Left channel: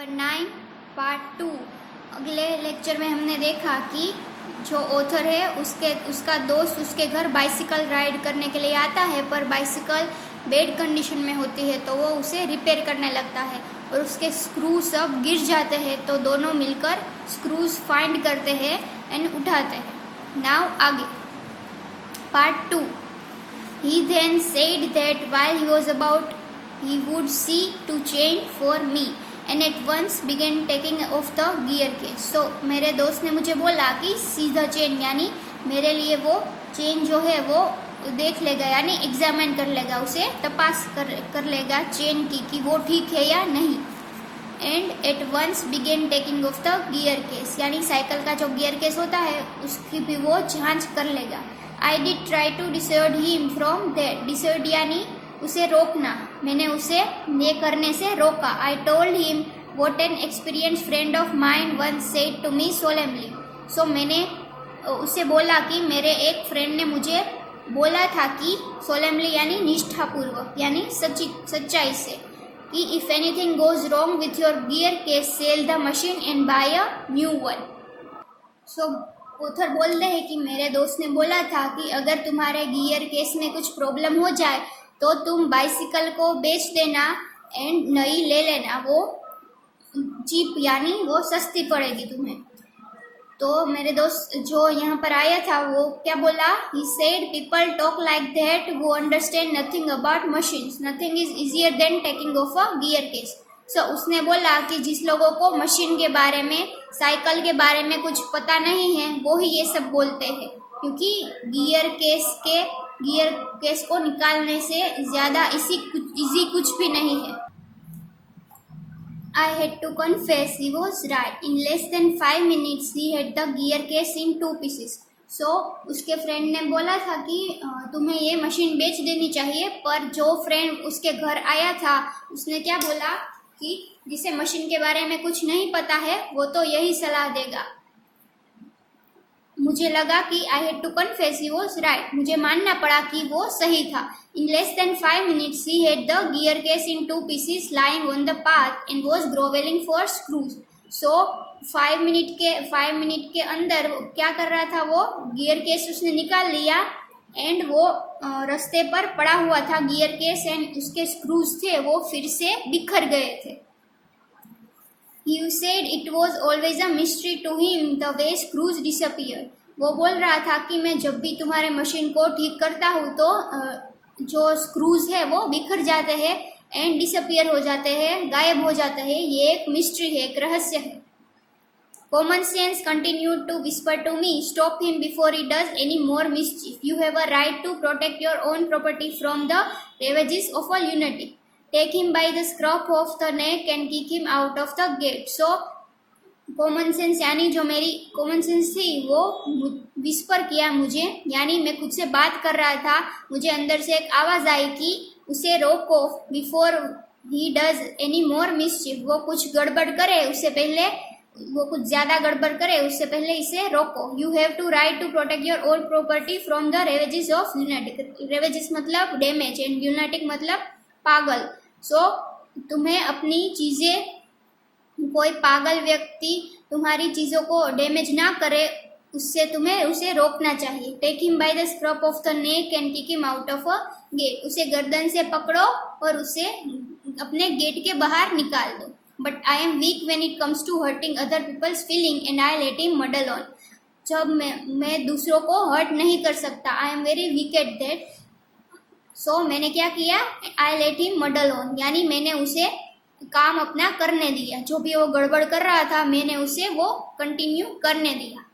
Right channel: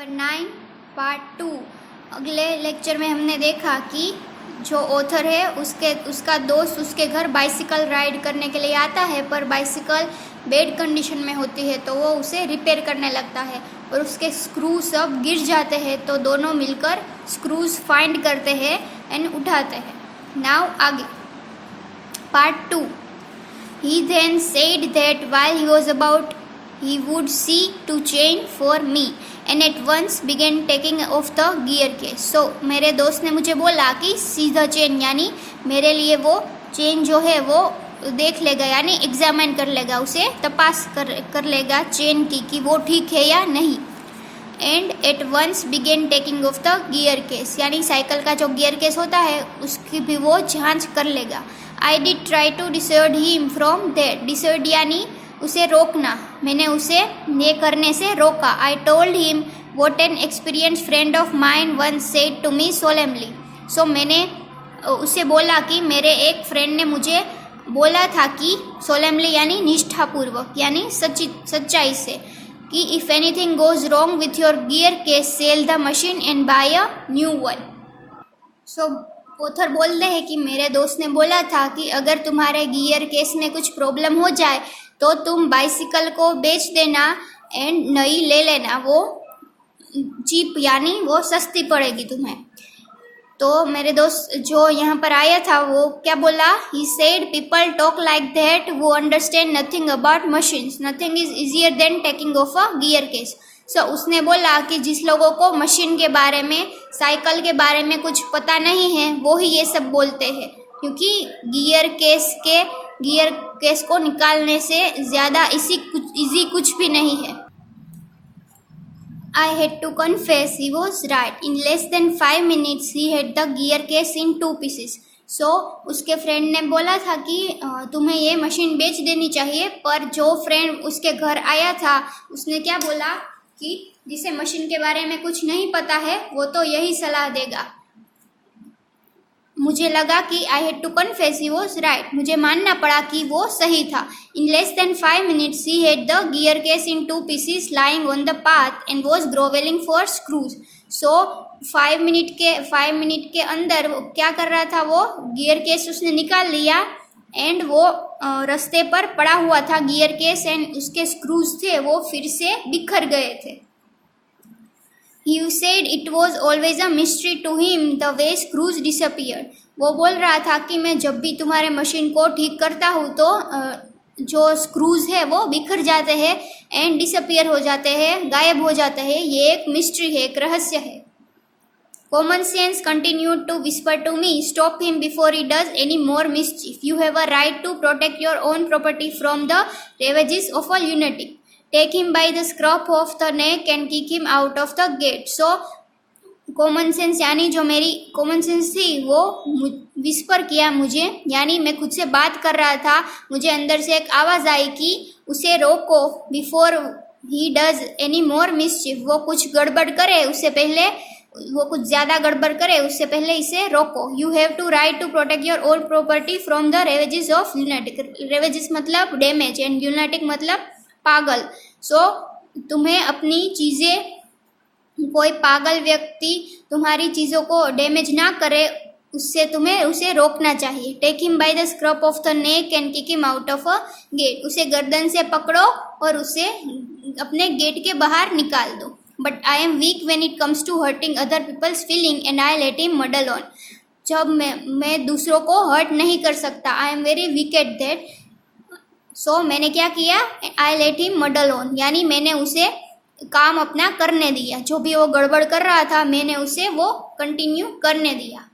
Number 9 part 2। अगले lecture में हमने देखा कि जो ऑथर है उसका दोस्त उसके घर बाइसिकल राइड करने के लिए आता है, पर बाइसिकल बैड कंडीशन में होती है तो वो उसे रिपेयर करने लगता है और उसके स्क्रू सब गिर जाते हैं। तो दोनों मिलकर स्क्रूज फाइंड करते हैं एंड उठाते हैं। नाउ आगे part 2। He then said that while he was about, he would see to change for me and at once began taking off the gear case. So मेरे दोस्त ने मुझे बोला कि सीधा चेन यानी मेरे लिए वो चेन जो है वो देख लेगा, यानी एग्जामिन कर लेगा, उसे तपास कर लेगा चेन की कि वो ठीक है या नहीं। And at once begin taking off the gear case, यानी साइकिल का जो गियर केस होता है उसकी भी वो जांच कर लेगा। I did try to dissuade him from that, dissuade यानी उसे रोकना, मैंने उसे ये करने से रोका। I told him what an experience friend of mine once said to me solemnly. So मैंने उसे बोला कि मेरे एक फ्रेंड ने मुझे बोला था कि सोलेमली यानी निष्ठापूर्वक यानी सच्चाई से कि if anything goes wrong with your gear case sell the machine and buy a new one. So author बोलते हैं कि मेरे दोस्त ने बोला था कि अगर तुम्हारे गियर केस में कुछ प्रॉब्लम हो जाए तो तुम बाइसिकल को बेच देना एंड नई ले लेना, वो चीप यानी वो सस्ती पड़ेगी तुम्हें। तो मेरे दोस्त जो यहाँ पर आया था वो क्या बोला, he said people talk like that वो understand nothing about machines, nothing is easier than taking off a gear case. So उसने बोला कि जिस लोगों को मशीन के बारे में, साइकिल के बारे में कुछ पता नहीं है वो ही ये सब बोलते हैं, क्योंकि गियर केस को निकालने से ज़्यादा इजी कुछ भी नहीं है। I had to confess he was right. In less than 5 minutes he had the gear case in 2 pieces. So उसके फ्रेंड ने बोला था कि तुम्हें ये मशीन बेच देनी चाहिए, पर जो फ्रेंड उसके घर आया था उसने क्या बोला कि जिसे मशीन के बारे में कुछ नहीं पता है वो तो यही सलाह देगा। मुझे लगा कि I had to confess he was right, मुझे मानना पड़ा कि वो सही था। In less than 5 minutes he had the gear case in 2 pieces lying on the path and was grovelling for screws. So 5 minute के अंदर क्या कर रहा था, वो गियर केस उसने निकाल लिया एंड वो रास्ते पर पड़ा हुआ था गियर केस एंड उसके स्क्रूज थे वो फिर से बिखर गए थे। He said it was always a mystery to him the way screws disappeared. वो बोल रहा था कि मैं जब भी तुम्हारे मशीन को ठीक करता हूँ तो जो स्क्रूज है वो बिखर जाते हैं एंड डिसअपियर हो जाते हैं, गायब हो जाते हैं। ये एक मिस्ट्री है, एक रहस्य है। Common sense continued to whisper to me, stop him before he does any more mischief. You have a right to protect your own property from the ravages of a lunatic. Take him by the scruff of the neck and kick him out of the gate. So common sense यानी जो मेरी common sense थी वो whisper किया मुझे, यानी मैं खुद से बात कर रहा था, मुझे अंदर से एक आवाज़ आई कि उसे रोको, before he does any more मिसचिफ, वो कुछ गड़बड़ करे उससे पहले, वो कुछ ज़्यादा गड़बड़ करे उससे पहले इसे रोको। You have to right to protect your old property from the ravages of lunatic, ravages मतलब डैमेज एंड ल्यूनेटिक मतलब पागल। सो तुम्हें अपनी चीज़ें, कोई पागल व्यक्ति तुम्हारी चीज़ों को डैमेज ना करे उससे तुम्हें उसे रोकना चाहिए। Take him by the scruff of the neck and kick him out of a gate, उसे गर्दन से पकड़ो और उसे अपने गेट के बाहर निकाल दो। But I am weak when it comes to hurting other people's feeling and I let him muddle on, जब मैं दूसरों को हर्ट नहीं कर सकता, I am very weak at that. So मैंने क्या किया, I let him muddle on, यानी मैंने उसे काम अपना करने दिया, जो भी वो गड़बड़ कर रहा था मैंने उसे वो कंटिन्यू करने दिया।